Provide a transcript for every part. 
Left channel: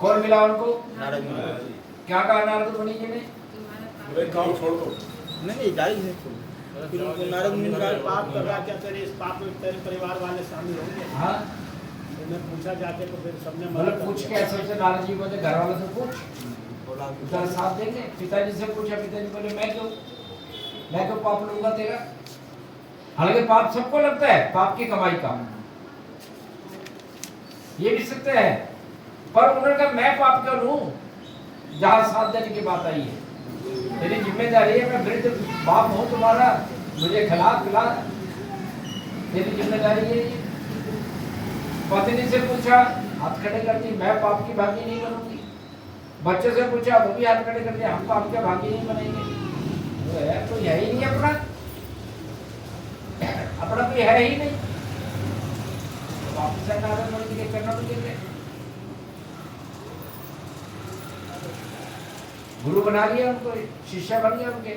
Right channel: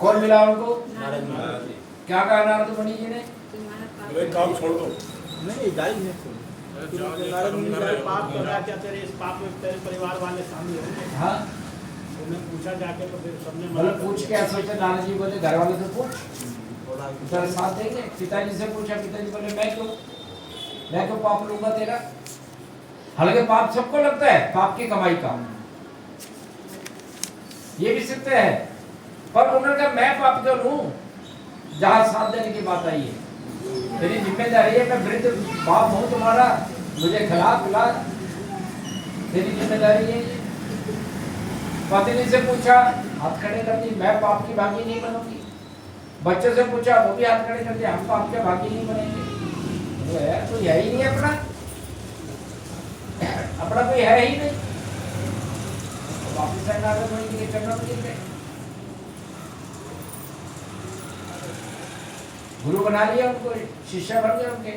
कौन मिला उनको? नारद मुनि। क्या कहा नारद मुनि जी ने? काम छोड़ दो। नहीं गाली नहीं सुनी। फिर उनको नारद मुनि कहा पाप कर रहा क्या, तेरे इस पाप में तेरे परिवार वाले शामिल होंगे। हाँ उन्हें पूछा जाके तो फिर सबने मतलब पूछ के ऐसे सोचे नारद जी बोले घर वालों से पूछ बोला तेरा साथ देंगे। पिताजी से पूछा, पिताजी बोले मैं क्यों पाप लूंगा तेरा। हालांकि पाप सबको लगता है, पाप की कमाई का, ये भी सत्य है, पर उन्होंने कहा मैं पाप क्यों लूं जहां साथ देने की बात आई है। मेरी जिम्मेदारी है, मैं वृद्ध बाप हूं तुम्हारा, मुझे खिला पिला, तेरी जिम्मेदारी है ये। पत्नी से पूछा, हाथ खड़े कर दी, मैं पाप की भागी नहीं बनूंगी। बच्चे से पूछा, वो भी हाथ खड़े कर दिया, हम पाप के भागी नहीं बनेंगे। तो यही नहीं अपना कोई है ही नहीं। वापस नारद मुनि जी के चरणों में गिर गए, गुरु बना लिया उनको, शिष्य बन गए उनके,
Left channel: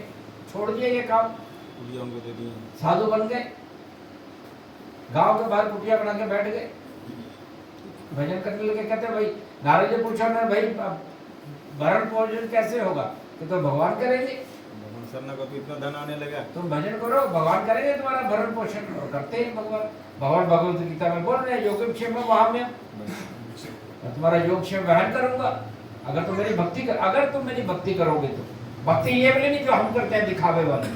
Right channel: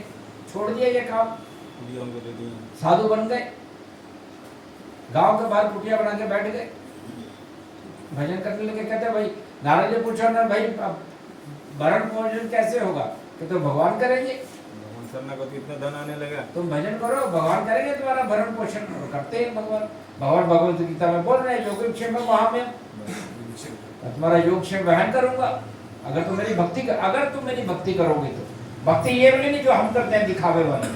छोड़ दिया ये काम, उनको दे दिए। साधु बन गए, गांव के बाहर कुटिया बना के बैठ गए, भजन करने लगे। कहते भाई नारद जी पूछो ना भाई भरण पोषण कैसे होगा, कि तो भगवान करेंगे। भगवान सरना को तो इतना धन आने लगा। तुम भजन करो, भगवान करेंगे तुम्हारा भरण पोषण। करते हैं भगवान भगवत गीता में बोल रहे हैं योगक्षेम वहां में, मैं तुम्हारा योगक्षेम वहन करूंगा अगर तुम मेरी भक्ति करोगे। तो भक्ति ये वाली नहीं जो हम करते हैं दिखावे वाली,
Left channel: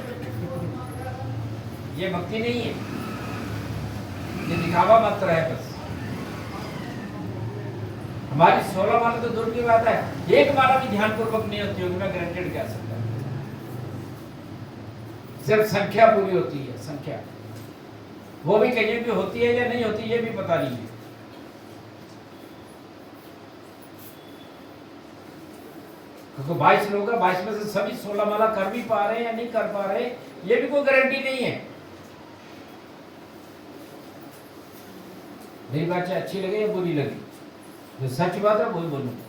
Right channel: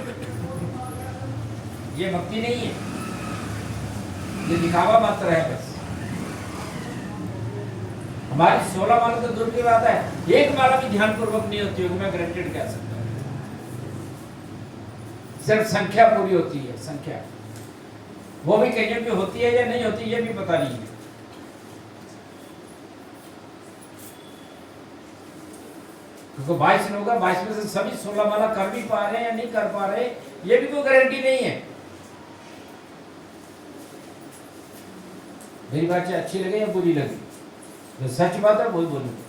ये भक्ति नहीं है, ये दिखावा मात्र है बस। हमारी 16 माला तो दूर की बात है, एक माला भी ध्यान पूर्वक नहीं होती होगी, मैं ग्रेटेड कह सकता हूं। सिर्फ संख्या पूरी होती है, संख्या, वो भी कहीं भी होती है या नहीं होती ये भी पता नहीं है। क्योंकि 22 लोग हैं, 22 में से सभी 16 माला कर भी पा रहे हैं या नहीं कर पा रहे, ये भी कोई गारंटी नहीं है। मेरी बात अच्छी लगे या बुरी लगे, तो सच बात है वही बोलूंगा।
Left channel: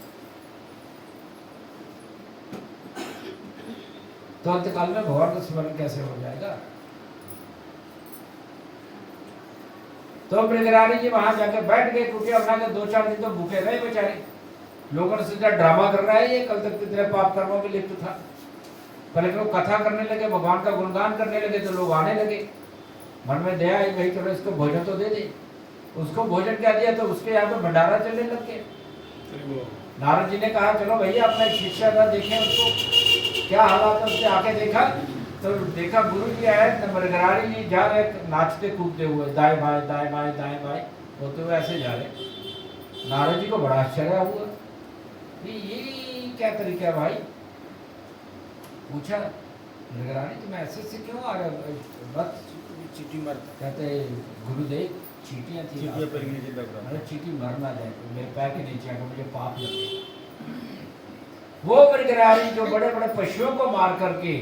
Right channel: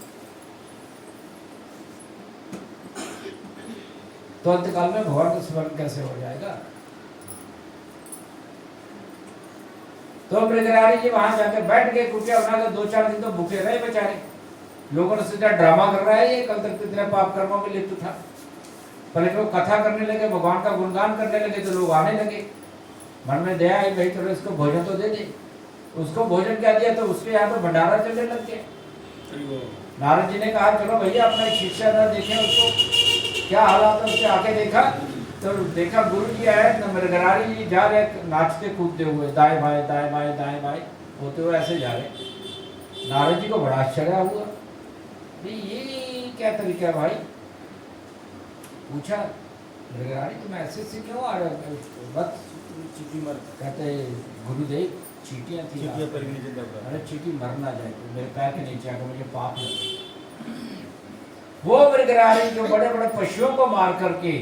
तो अंतकाल में भगवान का स्मरण कैसे हो जाएगा। तो मृगरारी जी वहां जाकर बैठ गए, कुटिया बनाकर 2-4 दिन तो भूखे रहे बेचारे। लोगों ने सोचा ड्रामा कर रहा है ये, कल तक कितने पाप कर्मों में लिप्त था। पहले तो कथा करने लगे, भगवान का गुणगान करने लगे, तो लोग आने लगे, मन में दया आई, भाई चलो इसको भोजन तो दे दे। उसको भोजन क्या दिया तो उसके यहाँ तो भंडारा चलने लग गया। नारद जी ने कहा चलो भैया अपना शिष्य था, देखें उसको क्या हालात है। उससे आके देखा तो देखा गुरु जी है, मृगरारी जी जा रहे नाचते कूदते हुए, दाएं बाएं होते हुए ऐसे जा रहे। नारद जी को बड़ा आश्चर्य हुआ, ये क्या तरीका है भाई। पूछा मृगरारी तुम ऐसे क्यों आ रहे हो। चीटी मर कहते गुरुदेव चीटियाँ थी, अरे चीटी मर ना जाए तो मेरे पैर के नीचे आकर मुझे पाप लगे। वो मृगरारी जो बड़े बड़े पशुओं को मार करके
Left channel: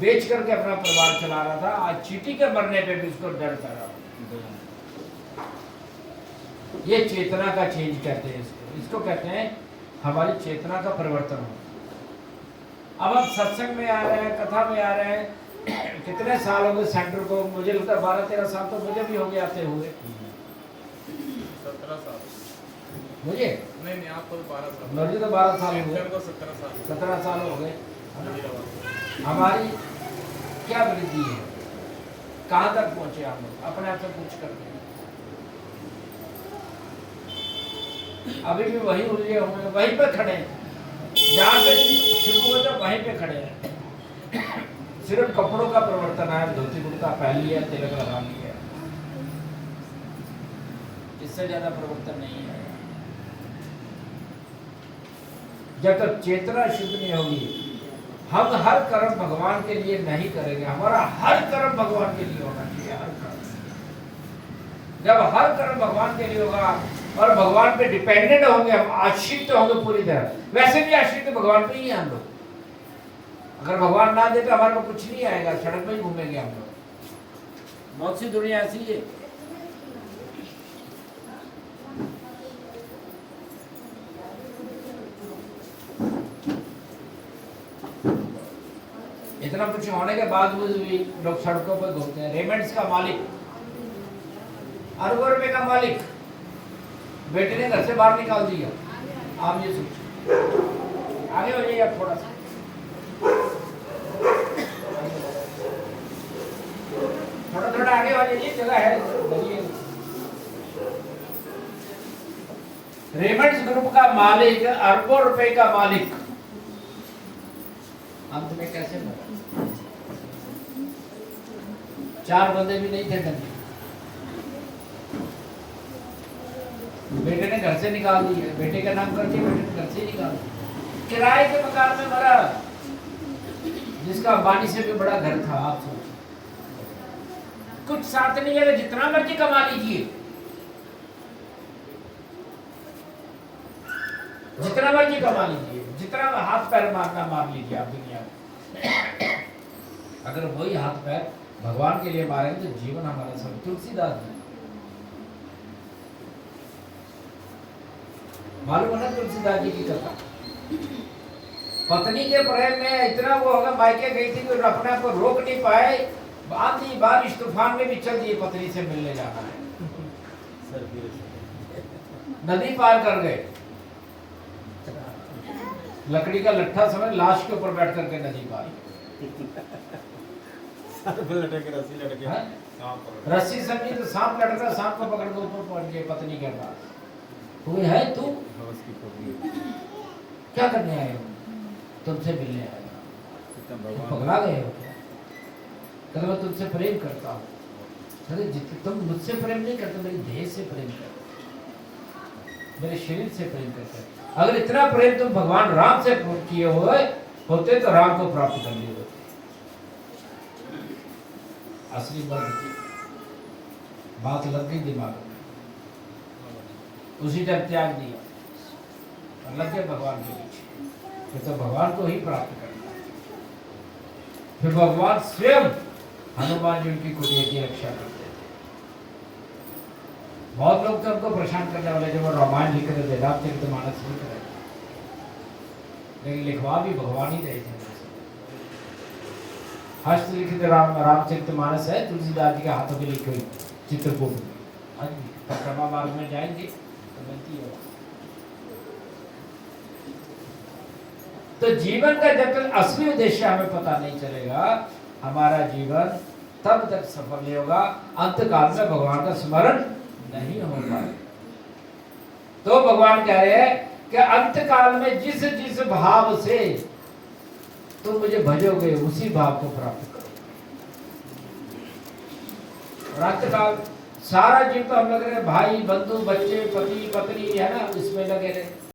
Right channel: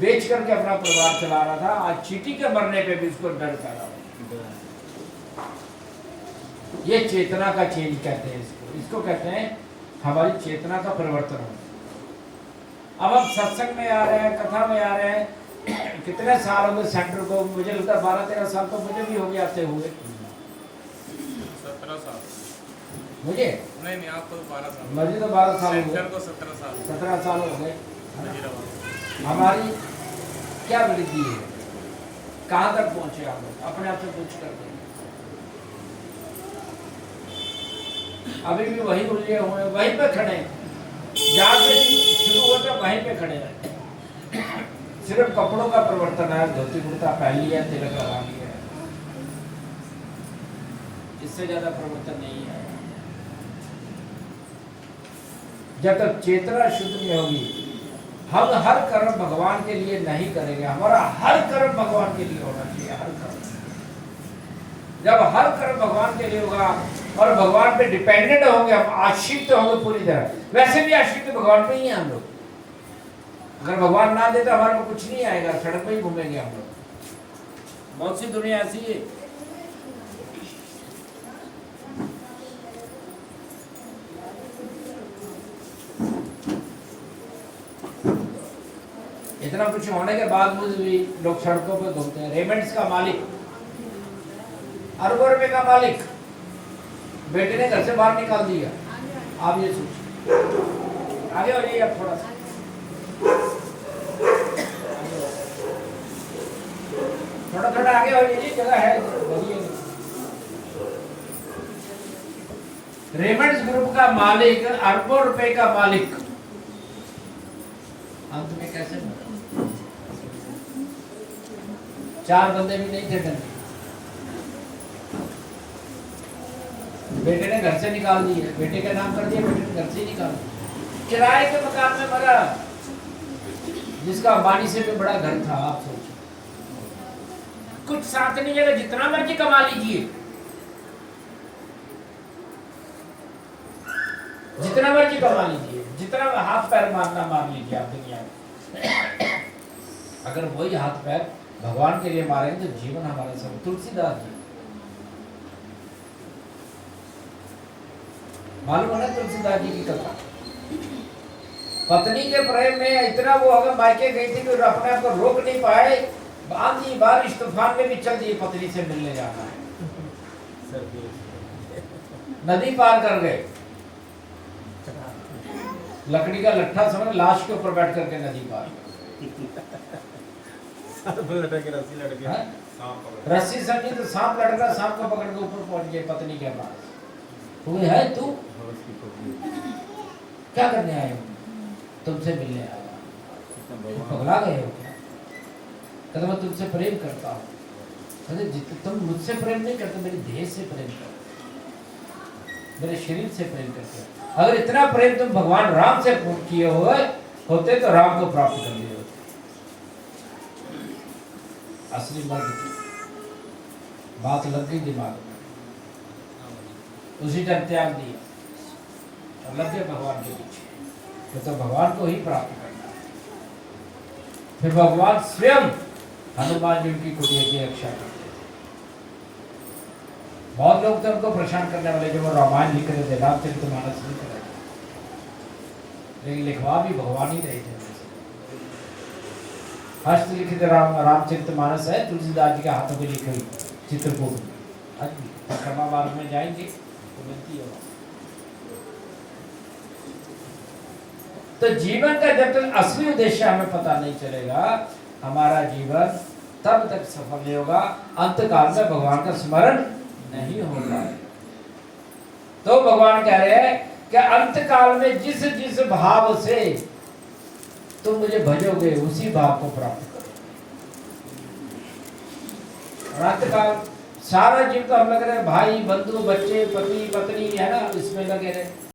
बेच करके अपना परिवार चला रहा था, आज चीटी के मरने पे भी उसको डर कर रहा। ये चेतना का चेंज कहते हैं इसको कहते हैं हमारी चेतना का परिवर्तन हो। अब हम सत्संग में आ रहे हैं, कथा में आ रहे हैं, कितने साल हो गए सेंटर को, मुझे लगता है 12-13 साल तो मुझे भी हो गए, आते होंगे। 17 साल मुझे नहीं आपको तो 12 साल, मुझे तो 12 साल हो गए, 17 साल हो गए। हमारी क्या वृद्धि है, कहाँ तक पहुंचे हम लोग, अपने आप से पूछ करके। अभी भी वही उलझे हुए, वहीं पे खड़े हैं, जहाँ पे शुरू होता वहीं पे खड़े हैं। सिर्फ कपड़ों का परिवर्तन है, धोती कुर्ता पहन लिया, तिलक लगा लिया, इससे ज्यादा परिवर्तन नहीं है। जब तक चेतना शुद्ध नहीं होगी, हम हर कर्म भगवान के लिए नहीं करेंगे। हमारा हर कर्म भगवान के लिए होना चाहिए, हर कर्म। जब हर कर्म भगवान के लिए होगा और भगवान पे डिपेंडेंट होंगे, हम आश्रित होंगे पूरी तरह। वैसे भी आश्रित भगवान पे ही हैं हम लोग। अगर भगवान ना दे तो हमारे को कुछ नहीं आएगा, सड़क में ही घूमेंगे हम लोग। बहुत सी दुनिया ऐसी है। इतना कुछ होने के बाद भी लोग सड़कों पर घूमते हैं। रेमंड्स का मालिक, अरबों रुपए का मालिक, बेटे ने घर से बाहर निकाल दिया, आप ये सोचिए, आगे हो जाइए आप थोड़ा सा, थोड़ा थोड़ा आगे हो जाइए, जगह है बढ़िए। रेमंड्स ग्रुप का मालिक, अरबों रुपए का मालिक, अंत में कैसे बना? 4 बंदे भी नहीं थे धनी, बेटे ने घर से निकाल दिए, बेटे का नाम कर दिया, बेटे ने घर से ही निकाल दिया, किराए के मकान में मरा, जिसका अंबानी से भी बड़ा घर था। आप सोचिए, कुछ साथ नहीं है, जितना मर्जी कमा लीजिए, जितना मर्जी कमा लीजिए, जितना हाथ पैर मारना मार लीजिए आप दुनिया में, अगर वही हाथ पैर भगवान के लिए मारेंगे तो जीवन हमारा सब। तुलसीदास जी मालूम है ना, तुलसीदास जी की कथा, पत्नी के प्रेम में इतना वो अगर मायके गई थी कि अपने आप को रोक नहीं पाए, आंधी बारिश तूफान में भी चल दिए, पत्नी से मिलने जाना है, नदी पार कर गए, लकड़ी का लट्ठा समझ, लाश के ऊपर बैठ करके नदी पार, रस्सी समझी तो सांप लटका, सांप को पकड़ के ऊपर पहुंच गए पत्नी के पास, तुम्हें है तू क्या करने आए हो? तुमसे मिलने आया। पगला गए हो क्या? कहते मैं तुमसे प्रेम करता हूँ। कहते तुम मुझसे प्रेम नहीं करते, मेरी देह से प्रेम करते, मेरे शरीर से प्रेम करते। अगर इतना प्रेम तुम भगवान राम से किए हुए होते तो राम को प्राप्त कर लिए होते। असली मर्द की बात लग गई दिमाग में, उसी टाइम त्याग दिया और लग गए भगवान के पीछे, तो भगवान को ही प्राप्त करना है। फिर भगवान स्वयं हनुमान जी की कुटिया की रक्षा करते थे। बहुत लोग थे उनको परेशान करने वाले, जो वो रामायण लिख रहे थे, रामचरितमानस लिख रहे थे, लेकिन लिखवा भी भगवान ही रहे थे। हस्तलिखित रामचरितमानस है, तुलसीदास जी के हाथों में लिखी हुई चित्रकूट में। परिक्रमा मार्ग में जाएंगे तो मिलती है। तो जीवन का जब तक असली उद्देश्य हमें पता नहीं चलेगा, हमारा जीवन तब तक सफल नहीं होगा, अंत काल में भगवान का स्मरण नहीं होगा। तो भगवान कह रहे हैं कि अंत काल में जिस जिस भाव से तुम मुझे भजोगे उसी भाव को प्राप्त करोगे। अंत काल सारा जीव तो हम लग रहे भाई बंधु बच्चे पति पत्नी है ना, इसमें लगे रहे।